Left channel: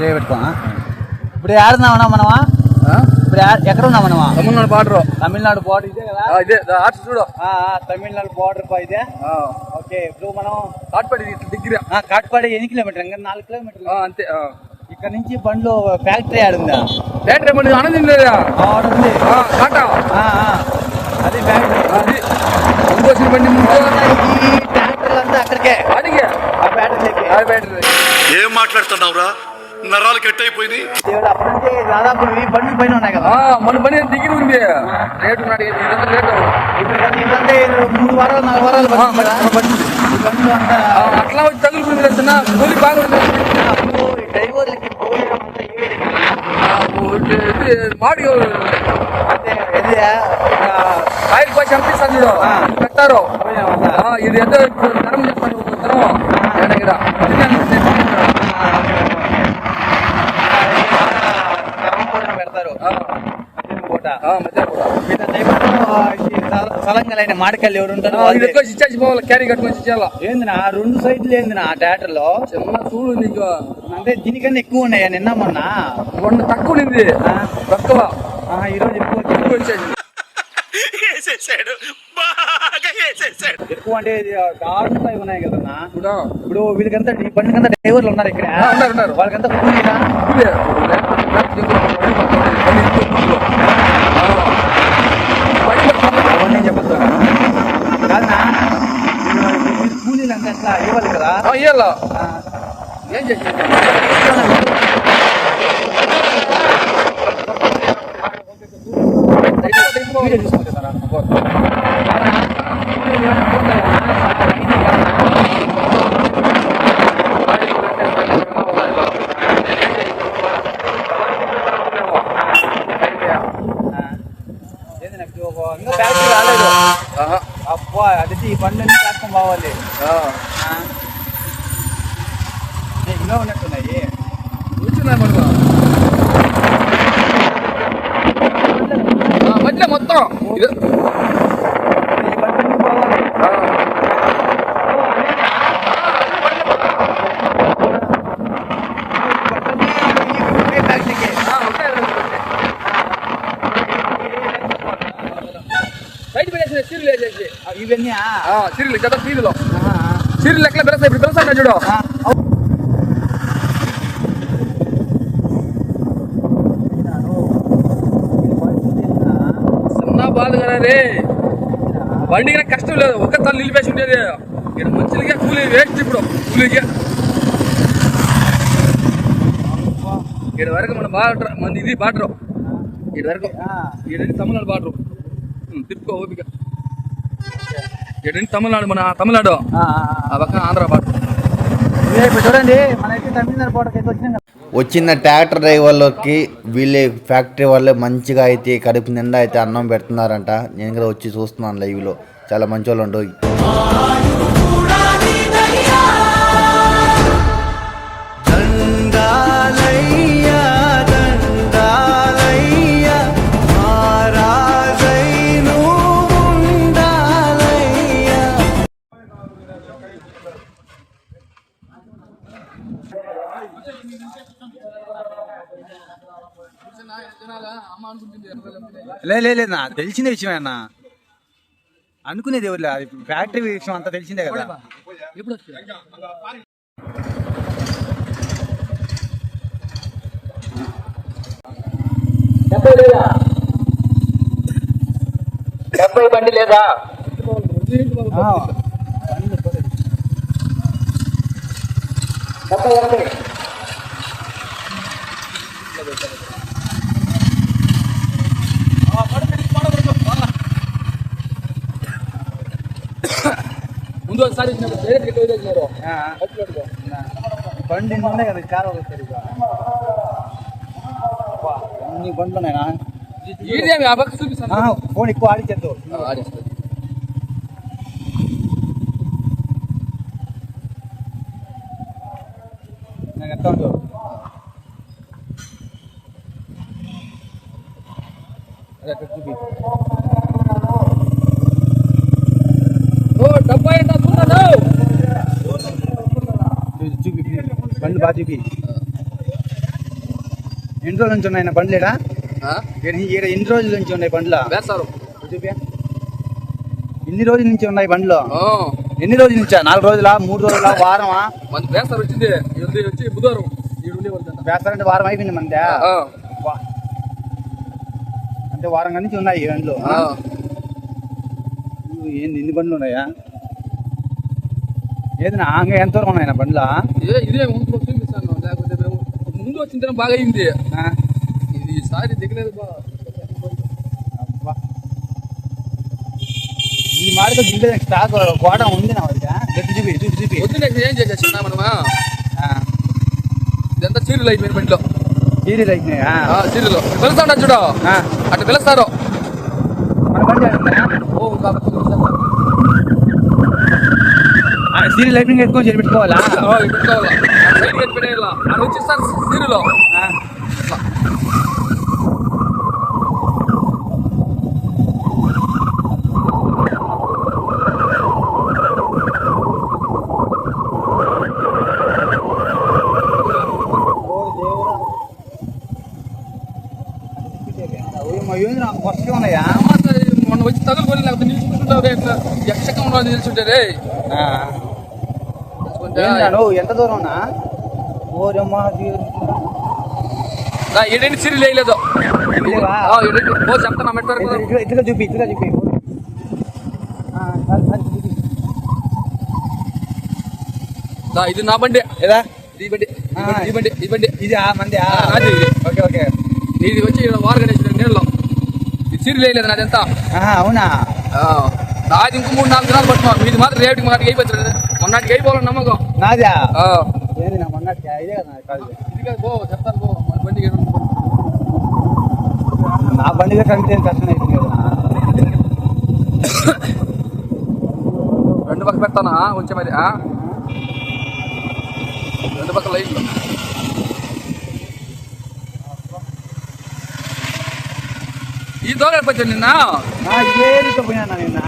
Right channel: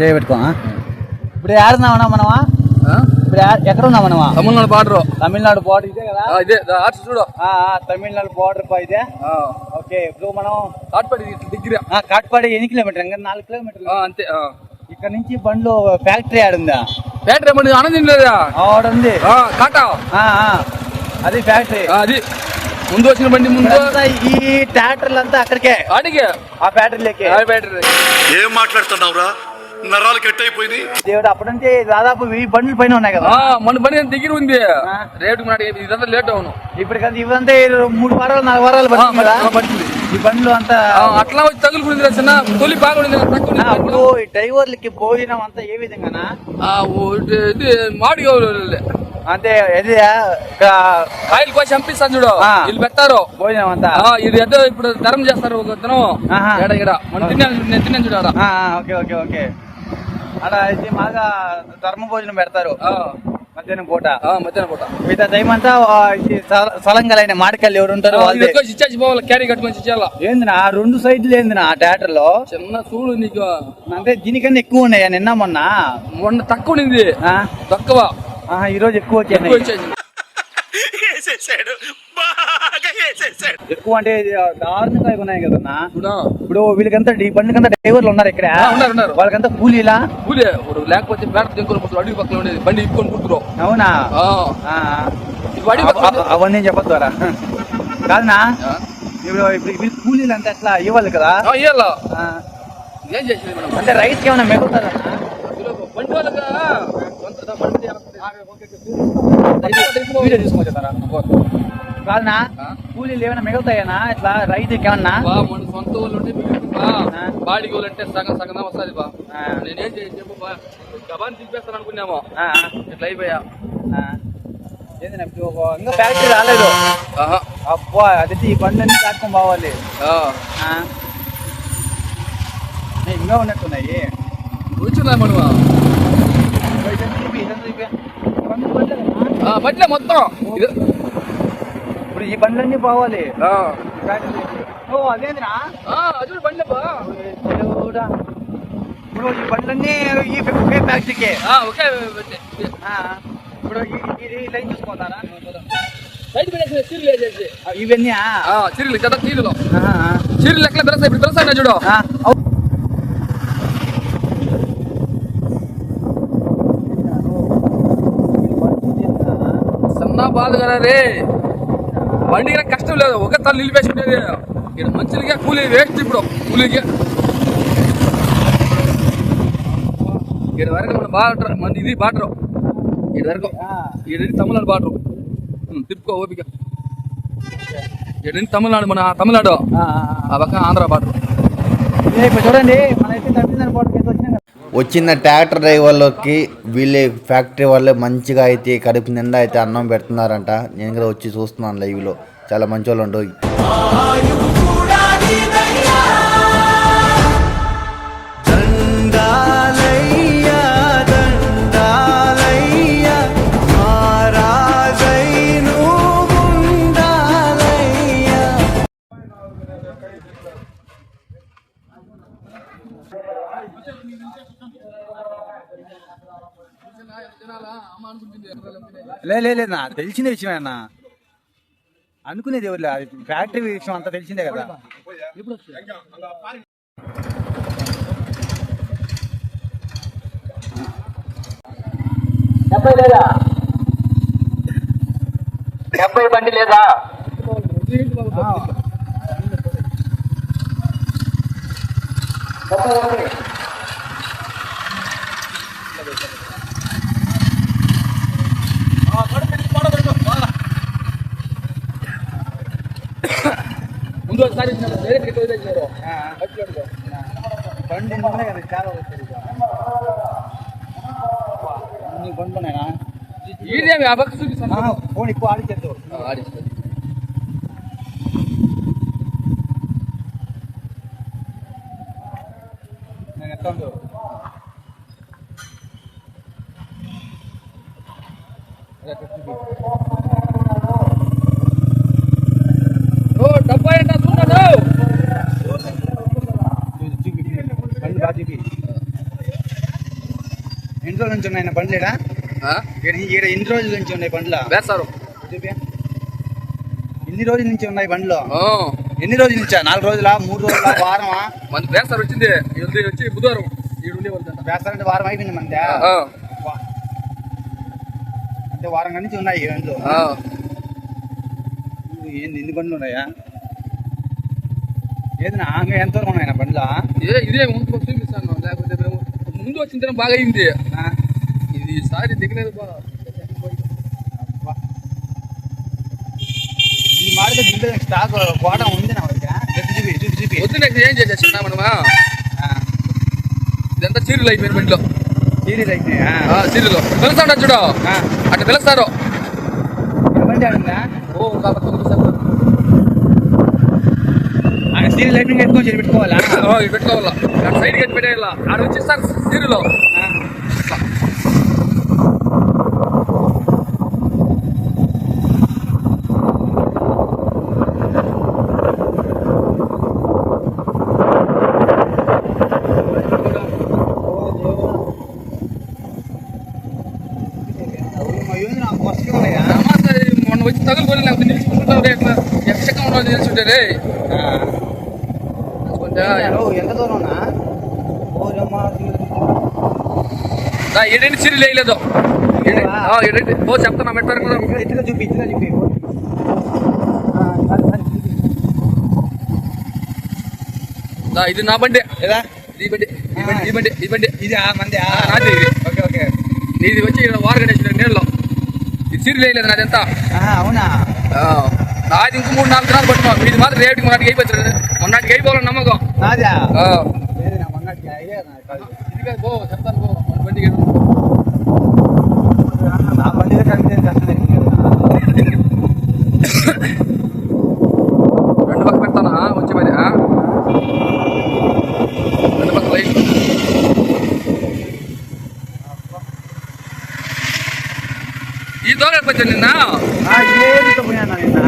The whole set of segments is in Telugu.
చేయబెట్టుకో ఇప్పుడు ఆడున్నామన్నా మనమా? ఇప్పుడు ఆ- ఎక్కడ ఉన్నాం మనమా? తమిళనాడు బార్డర్. తమిళనాడు బార్డర్ ఇదే కదా? ఇదే. ఆర్ట్స్ చూడు. ఆ, ఆ, తమిళనాడు బార్డర్ పా ఇదే? ఓకే ఇప్పుడు మనం కాట్పడి డిగ్రీ ఆ, కాట్పాడి ఎన్ని కిలోమీటర్ ఇంకా నాలుగు కిలోమీటర్లు. అంతే ఇక్కడ నుంచి బండ్లు ఫ్యాక్టరీ ఆడుందా బ్యాటరీ మంది ఆనందం లేదా ఆడ ఉంది. ఆ, కాటా ఆ, ఆ, అది ఫ్యాక్టరీ. ఆ, అది. ముందు వచ్చిన బండి ముందు. ఈ ట్రాక్టర్లు అంతా అక్కడికే. అడిగే ఆ ఫ్యాక్టరీలకి. బ్యాటరీ ఏం మాట్లాడుతున్నావురా? నరాలు కట్ అయిపోయినాయి దేవుడు అప్పటి నుంచి దాదాపు ఈ బండ్లు పైన ఉన్నాయి కదా. మన బండి దగ్గర ఉంది? రేటు నాడు ఇదంతా రేటు. ఇప్పుడు మూడు వారాలు నాలుగు వారాలు అట్లా వచ్చి తగులుకుంది చిన్న తొలి బాగుంది డ్రైవర్లకి పోయడం అంతా ఏ విధంగా ఇది మాడి అంటే ఇది కాయలు పోసి చంపిస్తాను చూడు. వీళ్ళు పెట్టారు ఇది ఎంత ఇప్పుడు ధరం చేస్తారు ఒక ధరం ఇక్కడ మనం తిన్నాను నేను పెడతారు. పూట. ఆ, మధ్యాహ్నం పూట. మిగతా టైం అంతా ఈ సల- సలంగలైన మాడికల్లు ఎవరు ఉంటారు ఆ, ఇచ్చేసి పోవాలి క్యారీ కట్టుకొని ఇచ్చేయాల ఏందినా రెండు సైడ్లు ఏందినా థియేటర్లో చిన్న చూడు నీకు. అంటే దీనికన్నా ఎక్కువ ఉన్నాయా నిన్న మొన్న? వంద తక్కువ ఉంది ఆ, తక్కువ. ఈ రోజు ఎక్కువ ఎక్కువ వచ్చేది ఇచ్చేసి వేసేసాడు. బాగా వేసేసాడు. ఎక్కువ అంటే ఇది దారుణంగా ఉన్నాయి కదన్నా. చూడా? ఇప్పుడు వీళ్ళకంతా ఈ బండికంతా డ్రైవర్లు ఉన్నారు ఇక్కడ. ఆ, ఉన్నారు, ఉన్నారు. వాళ్ళకంతా కూలీలా? కూలే. లేకపోతే బ్లాక్ బండి ఇంకో కూతురు అవునా బండి పక్కన అవన్నీ చెప్పొద్దు కాదనా కూలీలు అట్లా ఇవ్వాలి కదా? ఏం చేసి ఏమైనా వీడియో చూసుకోవచ్చు కాదనా కూలీలు ఏమైనా ఇట్లా ఏదైనా ఇప్పుడు ఒక- ఇంకా ఫ్యాక్టరీ రాలేదు అబ్బా అది ఈ బండి కాస్తం కావాలి ఇంకా ఉన్నట్టున్నాయి. బట్లే మొత్తం. ఇది ఈ బండి పోవాలి ఈ బండి ఈ కాకికే. ఓకే బయట పెట్టేసి చీరలు వేసేసి ఆ, ఇవన్నీ చీరలు కదా చీరలు చీరలు. తెలుసా? ఇప్పుడు తెలుసా చూడు. సన్నా బాధ కదా రే. బండికి కష్టం లేదు. ఒక తల్లి నిలిపేసి ఉండేది ఇక్కడ మంచిగా కూలీ వేస్ట్ ఇప్పుడు. కూలీకి. ఇక్కడ వరకు మన బాటర్ మన ఇది బాటరు ఇక్కడ వరకు. ఇక్కడ తమిళనాడు బాటరు తిప్పుకో ఓపిక. ఇక్కడ తమిళనాడు మన తమిళనాడు. ఆ, పక్కన ఆంధ్ర ఇప్పుడు చూడండి మనకి తమిళనాడు. వచ్చిన ట్రాక్టర్ డ్రైవర్లకి వీళ్ళే ఫ్యాక్టరీ వాళ్ళే మంచిగా అయితే కడుపు నిండా అయితే అన్నం పెడుతున్నారంట. నేను కూడా వచ్చి చూస్తున్నాను లైవ్లో చాలా మంచి వాళ్ళు లే లే లేదు నా తెలిసిందే విషయమే అన్న. అనుకునేది ఎవరు అది ఫ్యాక్టరీ విషయం అంతా తెలిసిందే కదా. డెబ్బై బండి లేదా? ముందు ఒకసారి డైరెక్ట్ వదిలేసినారు బండి ఉన్నాయి కదా చాలా వస్తుంది ఇక. అన్ని బండ్లు ఉన్నాయా ఈడేమి ఆ పక్క చూపిస్తాను ఫోన్ ఎక్కువ ఆడిచ్చేద్దు ఆడిస్తుంది నేను ఎత్తా ఉండు. అదే అక్కడ చూపి. ఓ డెబ్బై అంటే చూడండి చూపి ఎన్ని రోజుల నుంచి ఉన్నాయి బండ్లు ఈడ ఎన్ని రోజుల నుంచి ఉన్నాయి బండ్లు? వేస్తారు ఎన్ని రోజుల నుంచి ఉన్నాయి బండ్లు. ఎన్ని రోజుల నుంచా? నాలుగు రోజులా? మూడు రోజులా? వారమా? మన వేస్తారు వచ్చింది. ఇది వచ్చి బుధవారం వాళ్ళంట చేస్తారంటే వారం అయిపోయింది ఆ. అంటే వారం నుంచి ఉన్నాయి బండ్లు. ఏంది ఎన్ని బండ్లు ఉన్నాయా? ఏది నా ఆంగ ఎంతవరకు ఉన్నాయి బండ్లా? ఇదే చూపిస్తాను లేకపోతే మేము ముందు వచ్చింది బాగా అయింది ఇది ఈసారి దిగలేదు బా. ఈ దింపే స్టాక్ గోడ ఉంది నా దగ్గర ఎత్తి చూపి చూపి చూపి. వద్దు నాకు ఏం చేసేస్తున్నా మనమా? ఆ, ఇదంతా చీరలు అయిపోయిన బండిలో సీరియల్ అయిపోయినాయా ఆ, చీరలు. పిలుస్తా ఉంటారు చూడు అట్లా పిలుస్తారు? ఓ కాబట్టి చీరలు ఆ, అట్లా ఓయమ్మ, ఏంది నా ఫస్ట్ ఉన్నాయా ఏమన్నా ఇది మొన్న వచ్చి తగులుకొని లేకపోతే నిలిచిపోతుంటావు ఎట్లా యక్షకం వాళ్ళు నిలిచుంటే రే ఏందా నువ్వు ఎంత దూరం ఓ చెప్తాను మెట్టారు ఇట్లా ఇట్లా చూపి ఇట్లా చూపి. ఇది నా బండి? ఈ బండి ఈ బండి ఈ బండి ఈ బండి. ఇది ఆ మంది ఆ, నాది. Okay okay. ఇది వచ్చి ఇక్కడ వారు గణేష్ నీళ్ళలో ఇది చీరలు వేయలేదు నాదెంత అవునా? నాది ఇంకో మూడు నాలుగు దినాలు పట్టుకున్నాం మీది మాత్రం రేటుకి మొన్నటికి అయిపోతుంది మొన్నటికి అయిపోవాలని నమ్మకం. నాదా ఇదే. ఇది. చెప్తాను ఏదో. నా బండిలో కడిగితే కష్టం. రెండు పక్క పెడతానా? వచ్చే మరి? రెండు పక్క లైన్ ఈ దూరం అయిపోతుంది నిన్న ఆ, ఏమితో పోయానా నిన్న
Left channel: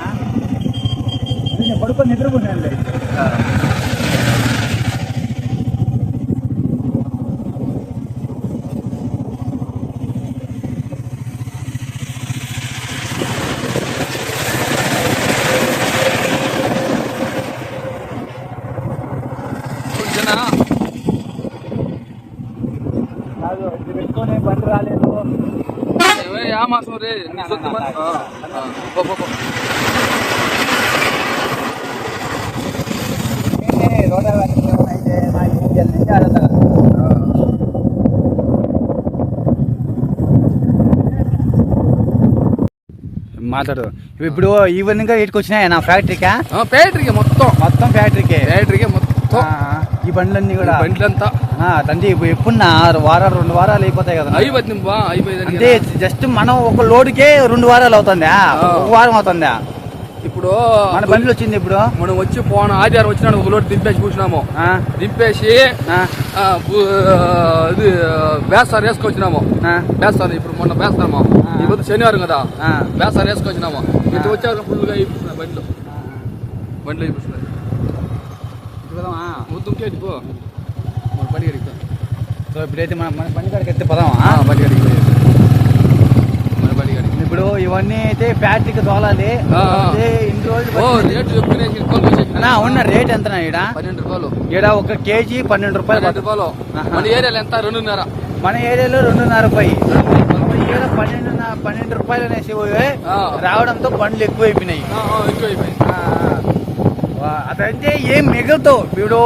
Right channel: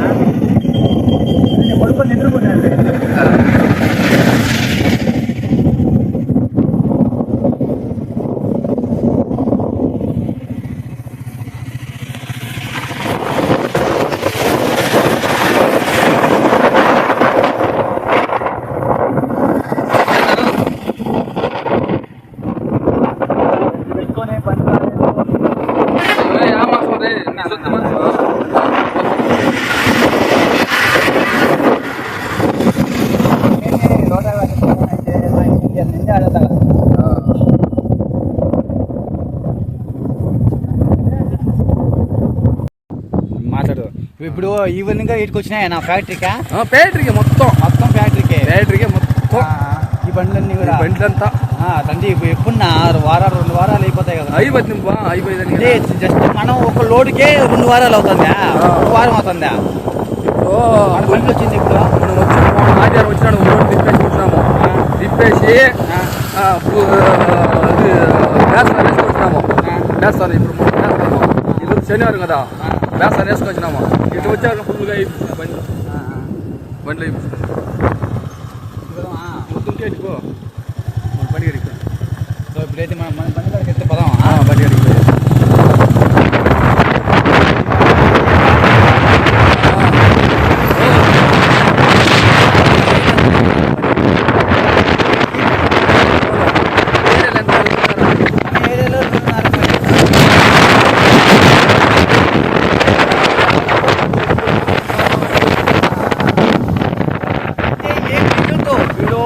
నిన్న పడుకొని నిద్రపోయాను పెట్టుకొని బండి రాలేదు ఏ, ఆ మాసం రే నీ సొత్తు మాసం. రోడ్ నుంచి ఆడతా ఆ. మాట్లాడు ఇప్పుడు ఈవినింగ్ ఇటుకు వచ్చినాయి? నా ఫ్యాక్టరీకా ఫ్యాక్టరీకి మొత్తం. మొత్తం ఫ్యాక్టరీకే ఫ్యాక్టరీకి మొత్తం. ఈ బండ్లన్నీ కూడా? బండ్లంతా. ఆ, తండ్రి ఇప్పుడు ఎప్పుడు ఆరు వారాలు రెండు వారాలు అయిపోతాయి కదా. అయిపోతుంది బా అయిపోయిందని అంటే జస్ట్ మనం ఒక లోడ్కే రెండు వారాలు అవుతుందా? ఒక వారం అవుతుందా? ఇప్పుడు మన బండ్లు వచ్చింది ఇప్పుడు మనం వచ్చి పోన ఆదివారం వచ్చినాడు ఒక రోడ్డు దింపేసి కూర్చున్నాము ఆ, దింపేసి ఆ, ఆ, పు- ఇది బేసాలు వేసుకొచ్చినాము ఆ, బేసాలు ఇప్పుడు మొన్న బేస్తాము ఈరోజు శనివారం కదా ఆ, బేసాలు వేసుకొచ్చినాము ఇటు వచ్చాక ఫుల్గా అయిపోతున్నా బండ్లు ఆ, ఆ. బండ్లు అయిపోతున్నాయి ఇదిగోదమ్మా. వద్దుంటే ఇటు పో. మన బండి గడికి పో. సో ఇప్పుడైతే మన మన బండి కాడికి ఎత్తే పదాం ఆ, బండి గడికి పోయి. ఇవన్నీ అయితే ఫ్యాక్టరీ వాళ్ళది. ఆ, ఆ. ఓ, ఆ, అవునా, రేట్ ఎంత ఇక్కడ? పది రూపాయలు. ఇక్కడ ఒక కేజీ పన్నెండు రూపాయలు పది రూపాయలు. మన ఏరియాలో ఎంత రెండున్నర మన ఏరియాలో రెండున్నర పై రావడంతో బండ్లు ఎక్కువ అయినాయి అదంటే ఏం మిగులుతావు వీడు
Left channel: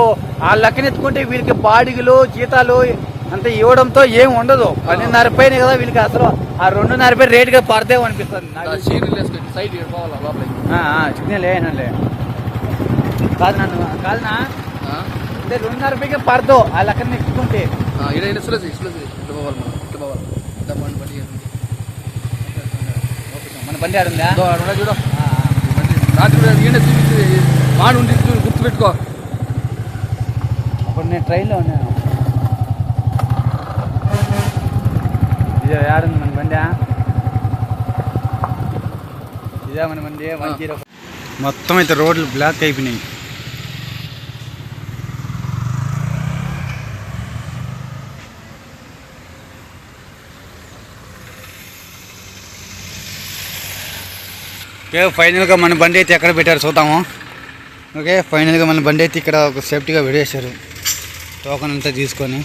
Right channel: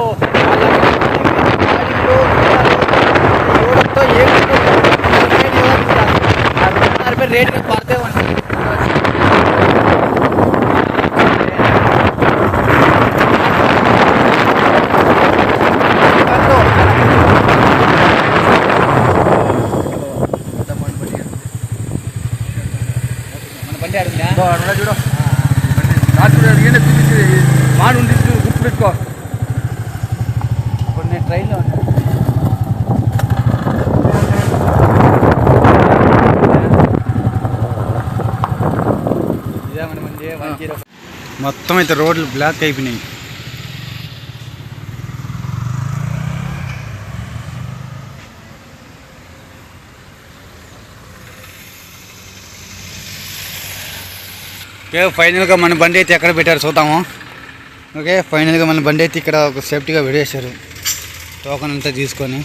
ఆ లగ్నంతో వీటి బాడీలు జీతాలు ఇవ్వడంతో ఏమి ఉండదు. రెండున్నర పైన ఏదో వీళ్ళకి అసలు ఆ రెండున్నర పైన రేటుగా పడితే ఉంటుంది బండి ఆడుందా చూడు. రాత్రి ఈయన చూపించి మాడు ఉండి ట్రైన్లో ఉన్నాను. మొత్తం అయితే రోడ్లు బ్లాక్ అయిపోయినాయి. ఓకే ఫైనల్గా మన బండి అయితే ఎక్కడ పెట్టారు చూద్దాము. ఓకే ఫైనల్గా మన బండి అయితే ఇక్కడ ఒక సేఫ్టీగా విడేశారు. టోకన్ అంతా తీసుకొని